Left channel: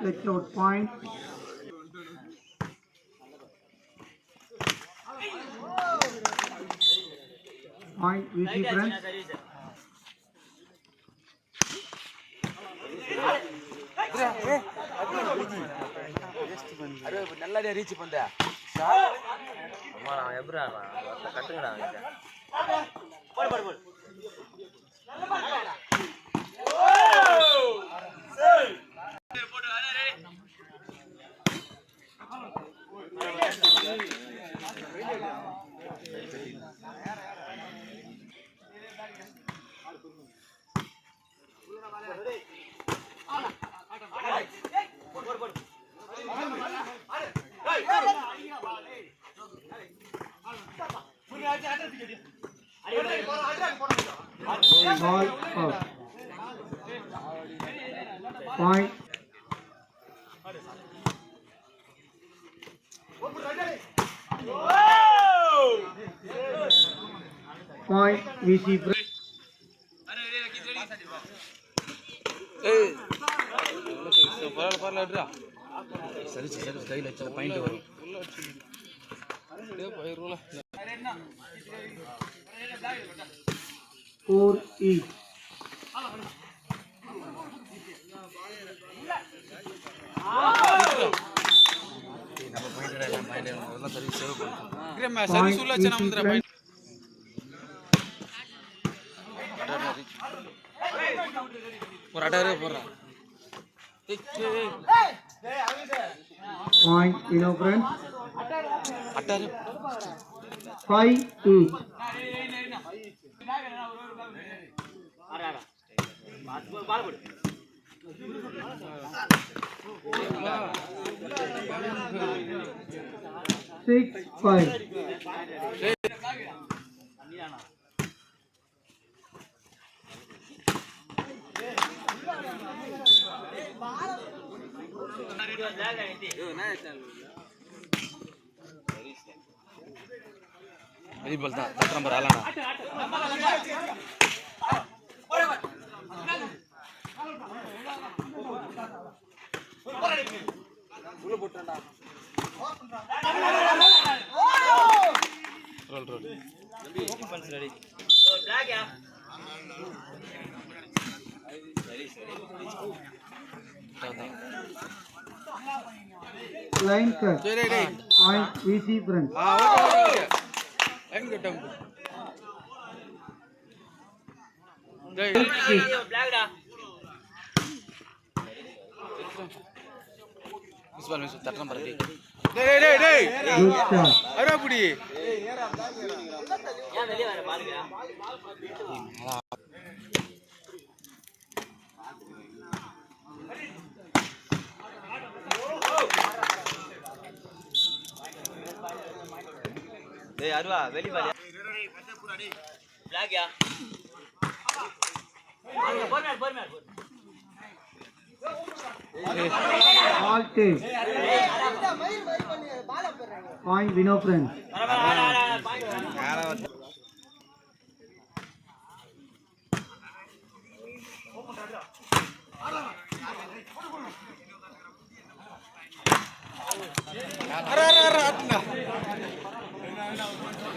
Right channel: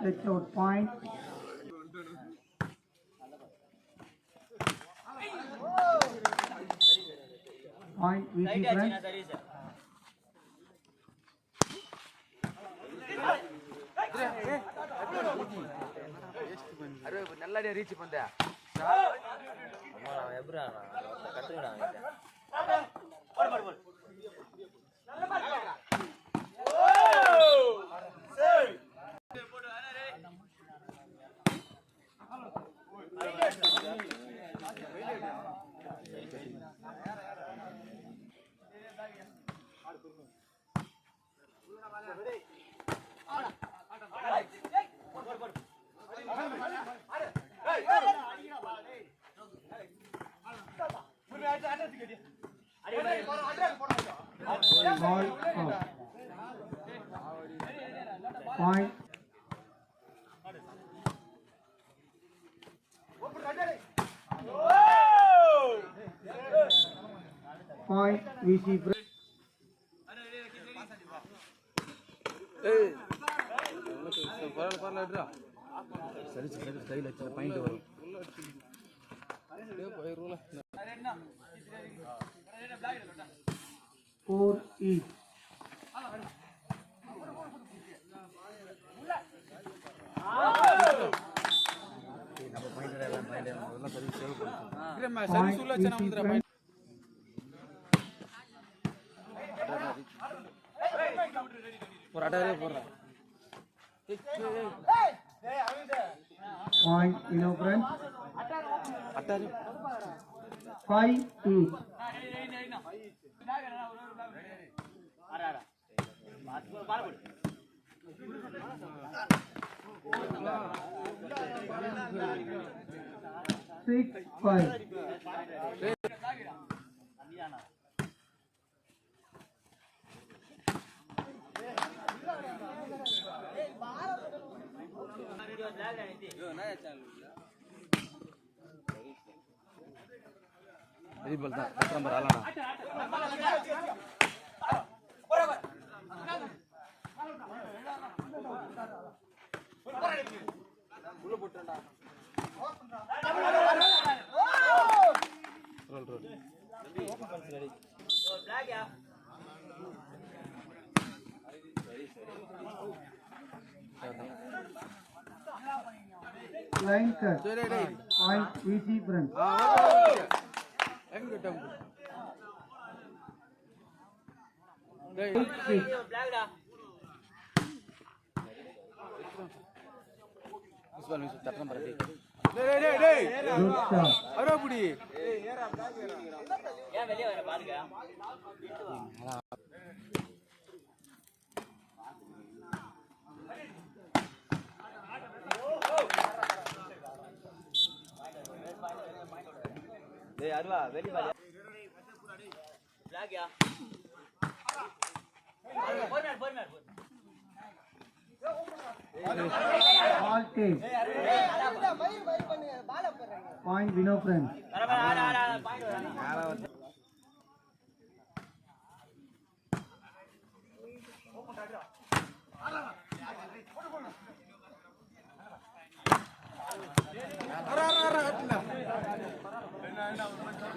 Let's out point. Point VC friends. நல்ல reach பண்ண அம்மா நான் எப்படா கட்டுங்கடா Ball out. Point. Point VC friends. சரி சரி கையில் வச்சா பாயிண்ட் வரும் Four each. Point friends. 5 each. Six, 5. Number ஆலனா Line cut. Point VC friends. அருவா வெளி பாரு பிளாக்யா All take. Point Vino friends.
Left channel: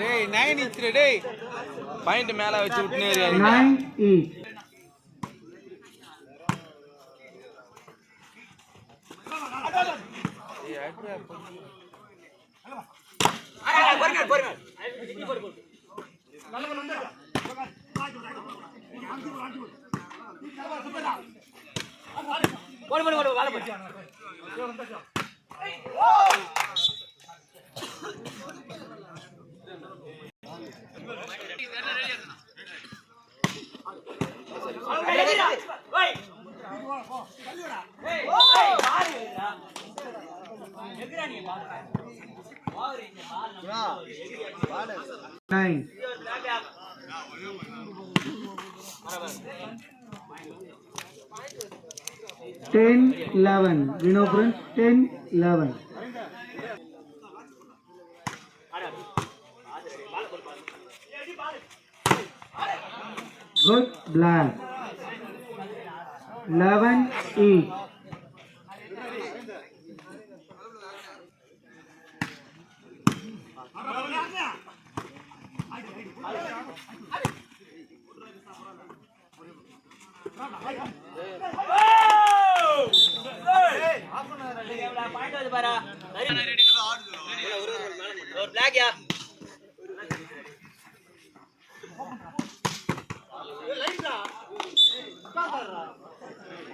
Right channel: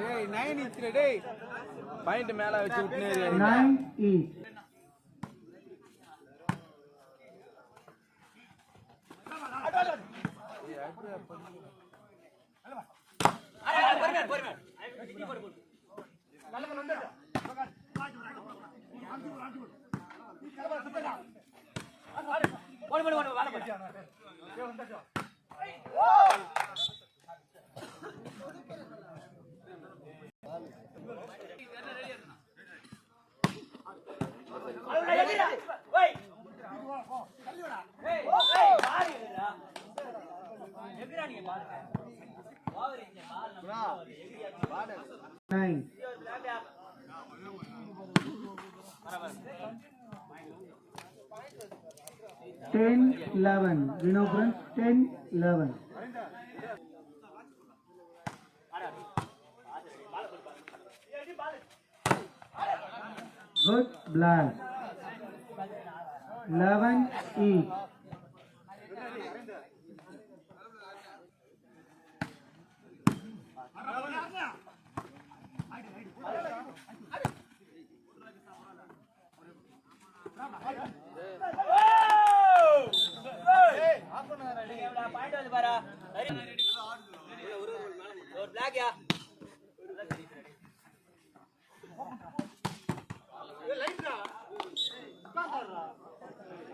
டேய் 9 இன்ச் டேய் பாயிண்ட் மேல வச்சு விட்டுனே ஏறிங்க 9 each. Nine. 10-11. Winner friends, 10-11. Good black. 11-8.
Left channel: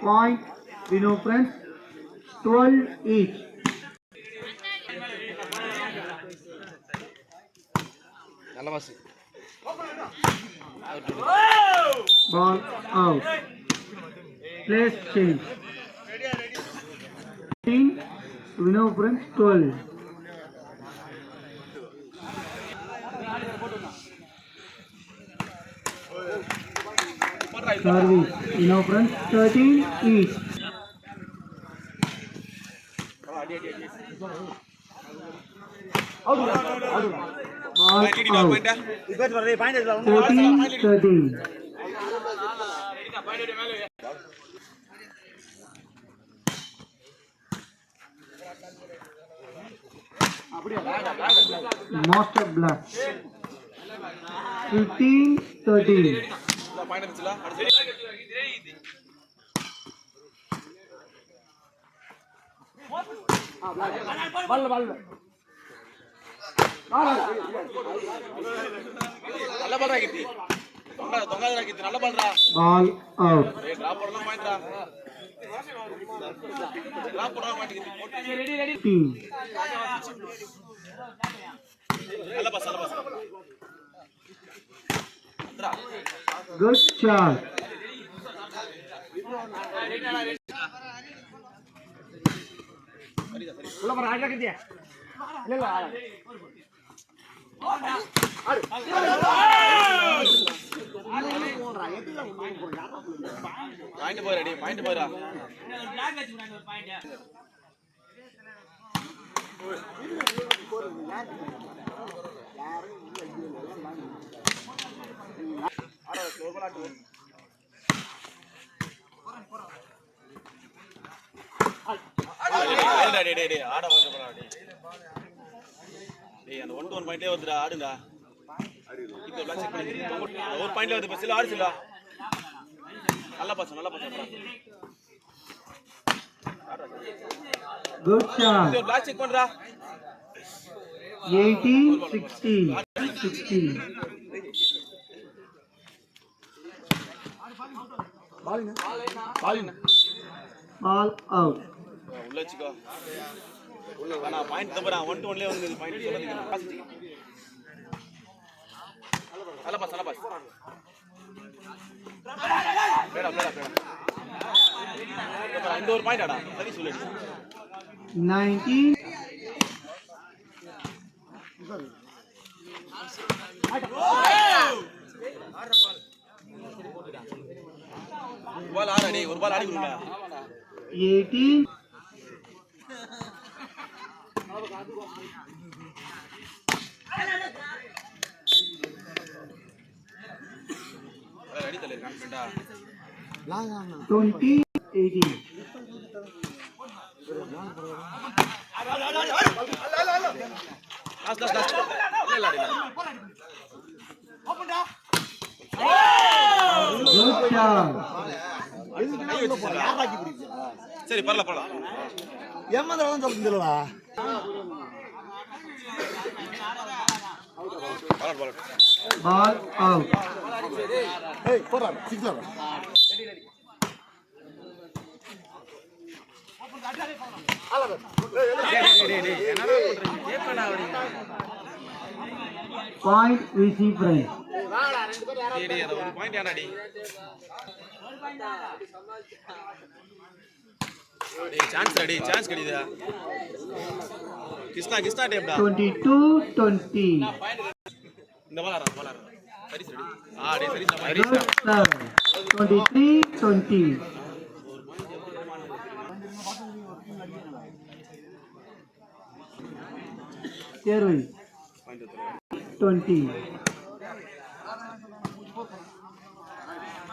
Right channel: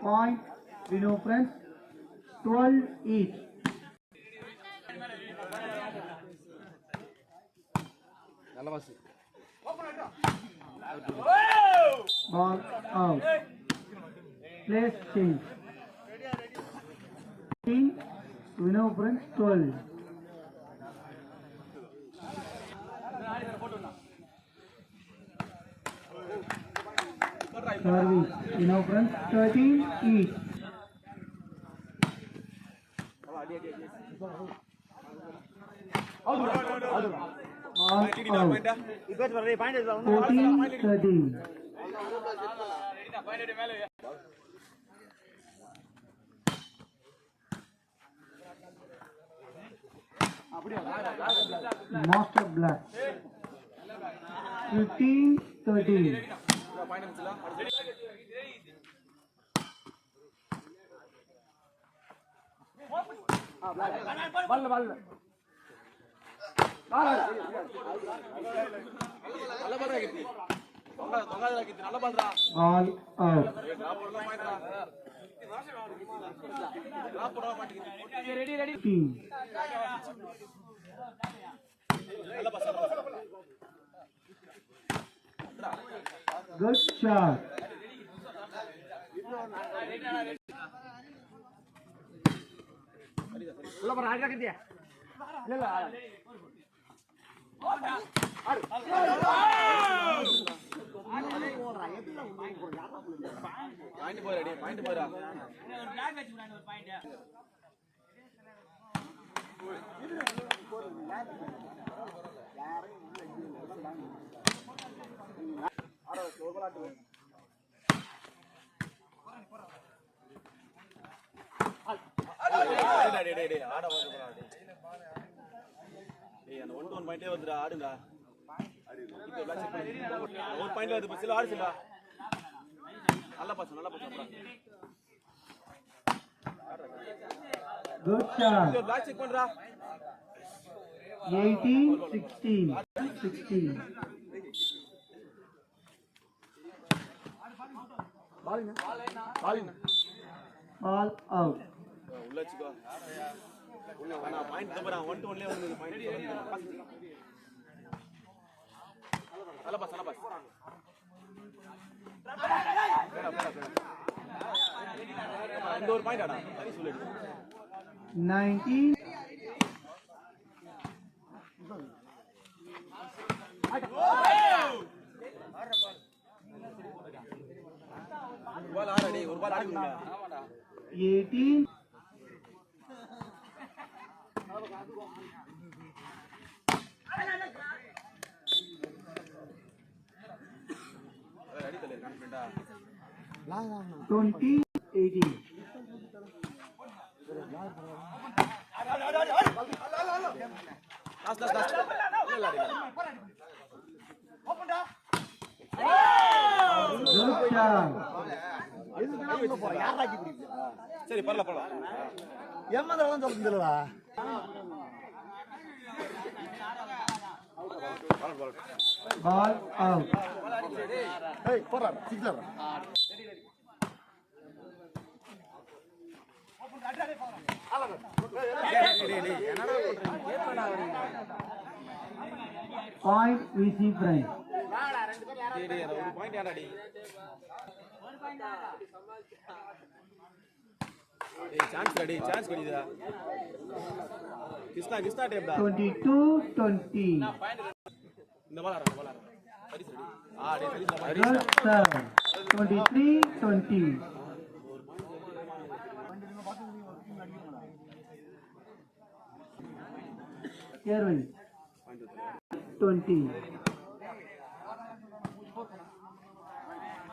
Point, winner friends, 12 each. நல்ல pass Ball out. Place change. 15, winner friends, 12. Service, winner friends, 13 each. Ball out. 14-13. Master black. 15-13. நல்ல பால்ரா கீர்த்தி தொங்காதடா கீர்த்தி நல்ல பால்ரா Ball out. Drop பண்ணலாம் பாயிண்ட்ரா drop பண்ணலாம் point கீர்த்தி 15. நல்ல pass Good shot. Point போறா டேய் point போறா டேய் ஆட வாங்க போறா டேய் அந்த 1-1 பாயிண்டே வந்துடா ஆடுடா இது எல்லாம் செக் பண்ணி ஒரு பாயிண்ட்ல வந்து பஸ்ல ஆடு சில்வா நல்ல பாஸ் Good shot. இது பிளாக் செக் பண்றா 18-16. Ball out. உள்ள வச்சுக்கோ انا பாயிண்ட் தம்பறா 1-1 ல வந்து பாயிண்ட் சொல்லுங்க நல்ல பாஸ் பேடா இந்த ஒரு பாயிண்ட் ஆடா சரி சொல்லு 19. பால் ஆடா டேய் ஒரு பால் ஆடி விடுடா 18. அடி தல கான்ஃபிடண்டா 20-18. லாஸ்ட் இல்ல அடி Good shot. சரி பரல ஏமாந்தறதான் சொல்லுங்களா Ball out. ஏய் போடா சிக்ஸர் Point VC friends. டேய் அத ஒரு பாயிண்ட் ஏன்டா டேய் டேய் சான்ஸ் கிடைக்குதா கிஸ்னா டேப்டா 22-20. இந்த பாலா சரி டேய் சரி Good serve. 23-20. Erwin. 20.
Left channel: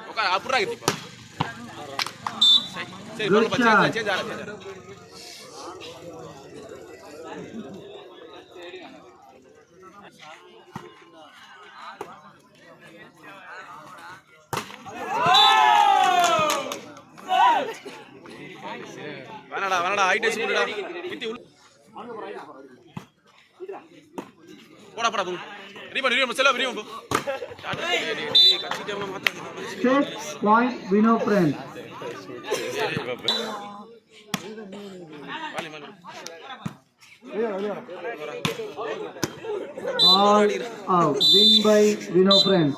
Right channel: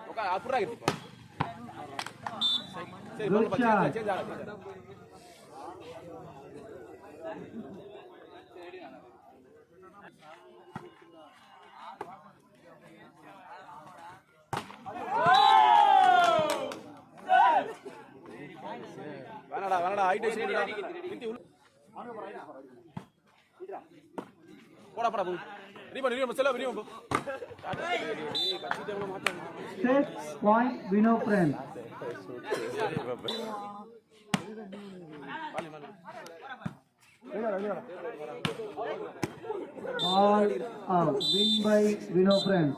ஓகே அப்புறம் கிட்டிப்பா சரி Good பால் shot. சேஞ்ச் ஆடு வேணாடா ஹைட் வச்சு போடுடா கிட்டி உள்ள போடா தூ ரீபன் செல்ல ரீபன் போ கட்சி டேபிள் மாத்த 6 point Vino friends. All out. Win by Vino friends.